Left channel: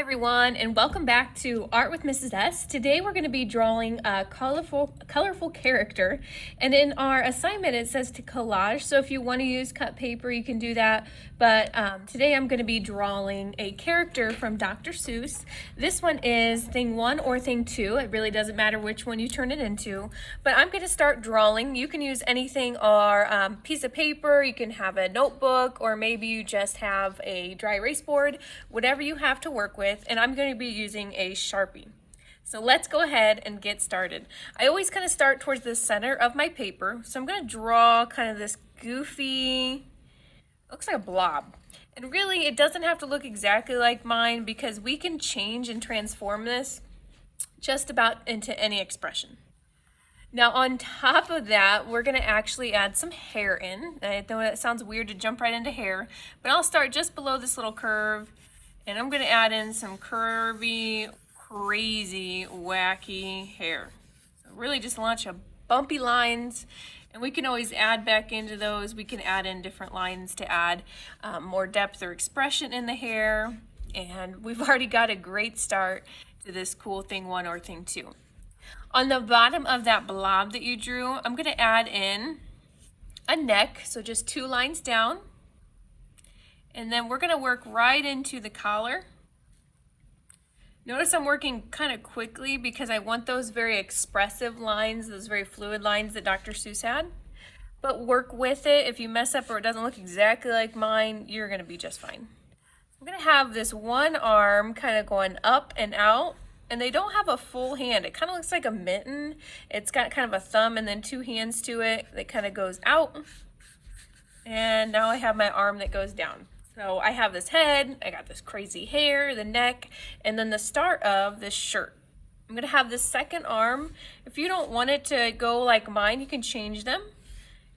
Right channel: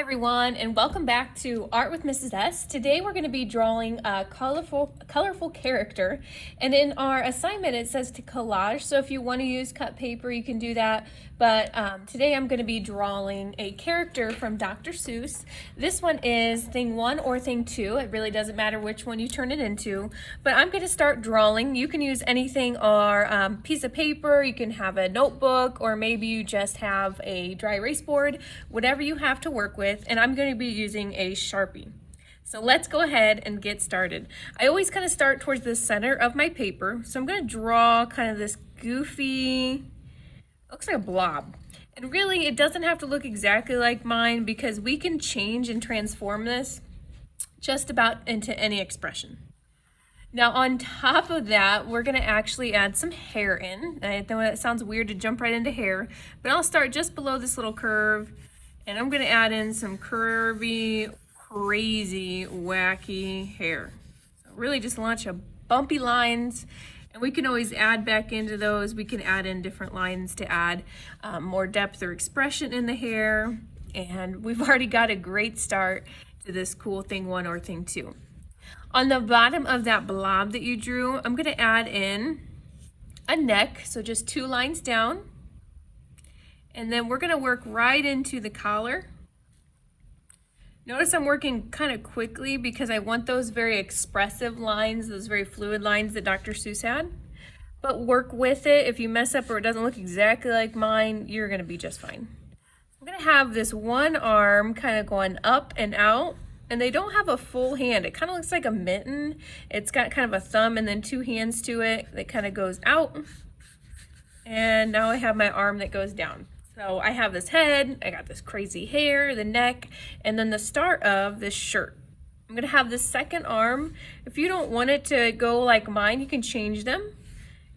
Hi everyone, and welcome back to Art with Mrs. S. Today we're going to be drawing a colorful character, and in our assignment it says to collage, so if you want to use cut paper you can do that, but today I'm going to be drawing a character from Dr. Seuss. This one is thing 1 or thing 2, it really doesn't matter which one you turn it into, but I'm going to start drawing. You can use anything or piece of paper, you can have a notebook, or maybe you just have a dry erase board, whatever you have to work with, and I'm going to be using a Sharpie. So let's go ahead and get started. I always kind of start towards the center of my paper, so I'm going to draw kind of this goofy, looks like a blob. And really it doesn't have to look exactly like mine because we can change and transform this just about into any expression. Now on top of that, we're going to actually add some hair in. I know that sounds weird to jump right into hair, but I'll start just below this little curve, and I'm going to add in some curvy, crazy, wacky hair. So really just launch a bumpy lines, and we can always add back into those. We can add in different lines to add more depth or expression in the hair, and we've already got a great start to this cool thing 1 or thing 2. On the bottom of that blob that you drew, I'm going to add in a neck, so just 2 lines down. And then we're going to work right into the collar. Notice I'm working kind of quickly because I want those very expressive lines, those very fluid lines that Dr. Seuss had. But work with it. If you mess up or it doesn't look exactly like mine, you're going to be just fine. I'm going to have this one arm kind of going up and out. And they don't have a full hand. It kind of looks like a mitten. It's got kind of a thumb and then 2 hands to it that kind of goes out. And now I have my arm that goes down. So I have this head, I got this crazy hair, the neck, and then the start of this shirt. I'm gonna have this second arm. If you don't want it to go like mine, you can change them.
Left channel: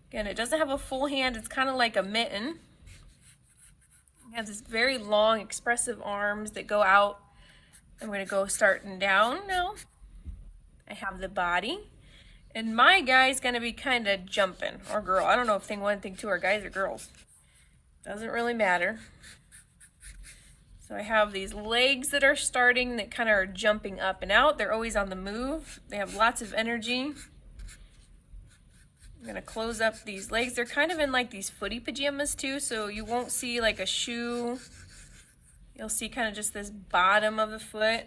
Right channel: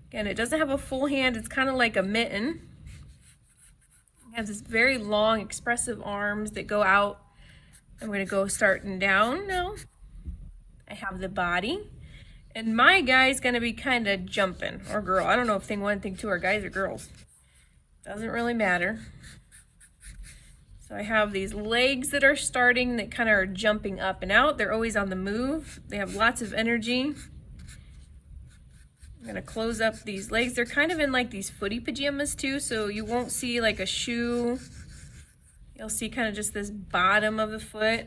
Again, it doesn't have a full hand. It's kind of like a mitten. It has this very long, expressive arms that go out. I'm going to go starting down now. I have the body. And my guy's going to be kind of jumping, or girl. I don't know if thing 1, thing 2 are guys or girls. Doesn't really matter. So I have these legs that are starting that kind of are jumping up and out. They're always on the move. They have lots of energy. I'm going to close up these legs. They're kind of in like these footy pajamas too, so you won't see like a shoe. You'll see kind of just this bottom of the foot.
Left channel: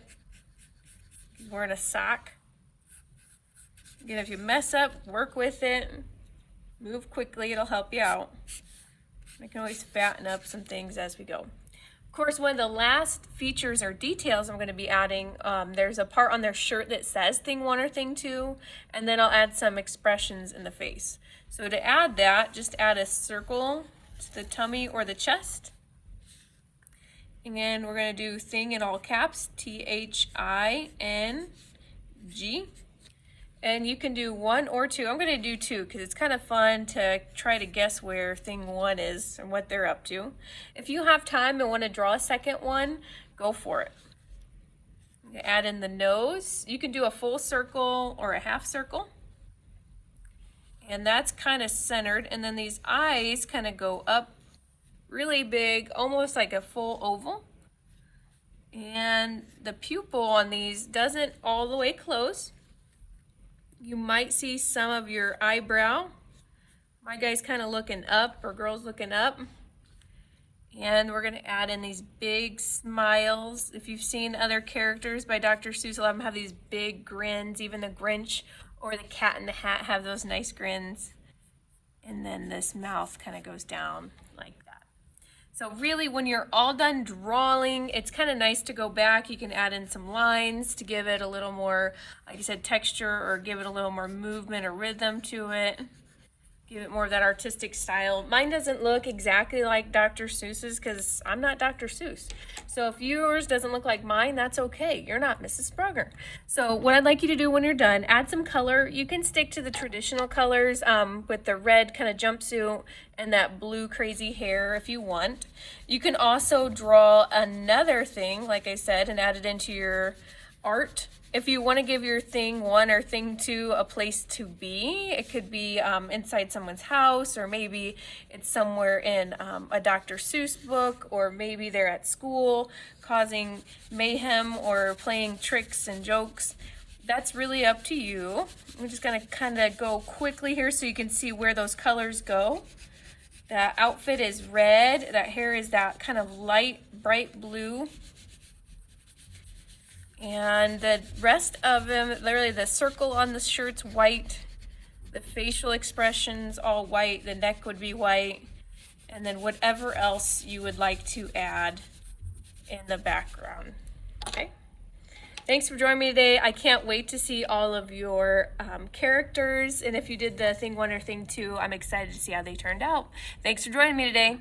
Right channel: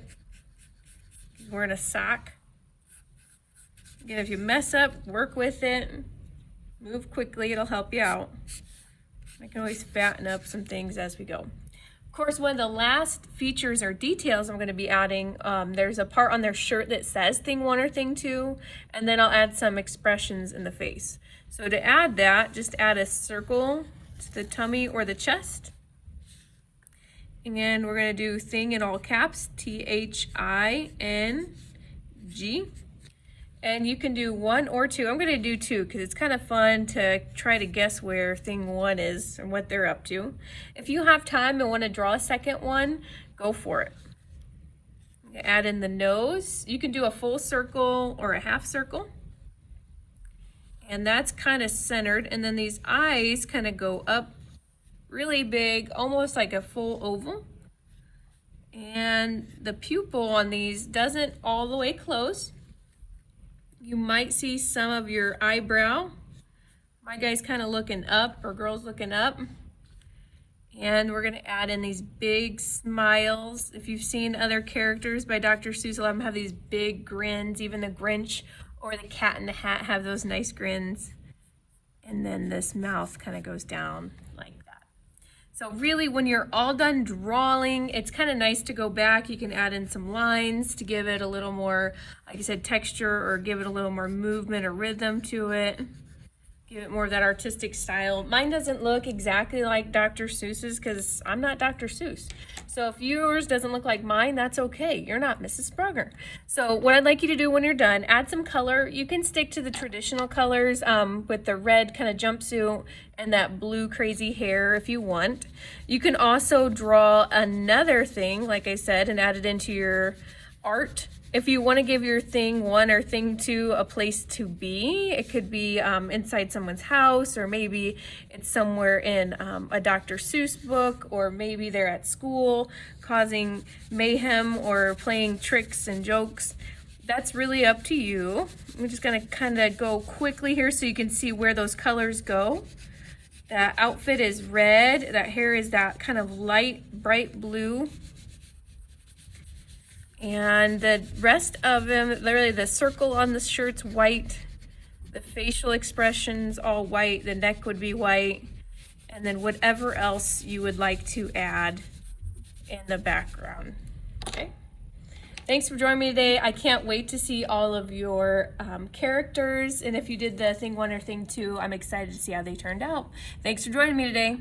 He's wearing a sock. Again, if you mess up, work with it. Move quickly, it'll help you out. I can always fatten up some things as we go. Of course, one of the last features or details I'm going to be adding, there's a part on their shirt that says thing 1 or thing 2, and then I'll add some expressions in the face. So to add that, just add a circle to the tummy or the chest. And we're going to do thing in all caps, T-H-I-N-G. And you can do 1 or 2. I'm going to do 2 because it's kind of fun to try to guess where thing 1 is and what they're up to. If you have time and want to draw a second one, go for it. Add in the nose. You can do a full circle or a half circle. And that's kind of centered. And then these eyes kind of go up really big, almost like a full oval. And the pupil on these doesn't all the way close. You might see some of your eyebrow. My guy's kind of looking up, or girl's looking up. And we're going to add in these big smiles. If you've seen other characters by Dr. Seuss, a lot of them have these big grins. Even the Grinch or the Cat in the Hat have those nice grins. And then this mouth kind of goes down like that. So really, when you're all done drawing, it's kind of nice to go back. You can add in some lines to give it a little more, like I said, texture, or give it a little more movement or rhythm to it. Give it more of that artistic style. Mine doesn't look exactly like Dr. Seuss's because I'm not Dr. Seuss. So if yours doesn't look like mine, that's okay. You're not Mrs. Sprugger. So what I'd like you to do when you're done, add some color. You can stick to the traditional colors with the red kind of jumpsuit and that blue crazy hair if you want. You can also draw another thing, like I said, and add it into your art. If you want to give your thing 1 or thing 2 a place to be, it could be inside someone's house, or maybe it's somewhere in a Dr. Seuss book, or maybe they're at school causing mayhem or playing tricks and jokes. That's really up to you. We're just going to kind of go quickly here so you can see where those colors go. That outfit is red. That hair is that kind of light, bright blue. And the rest of them, literally the circle on the shirt's white. The facial expression's all white. The neck would be white. And then whatever else you would like to add in the background. Okay. Thanks for joining me today. I can't wait to see all of your characters. And if you did the thing 1 or thing 2, I'm excited to see how they turned out. Thanks for joining me today.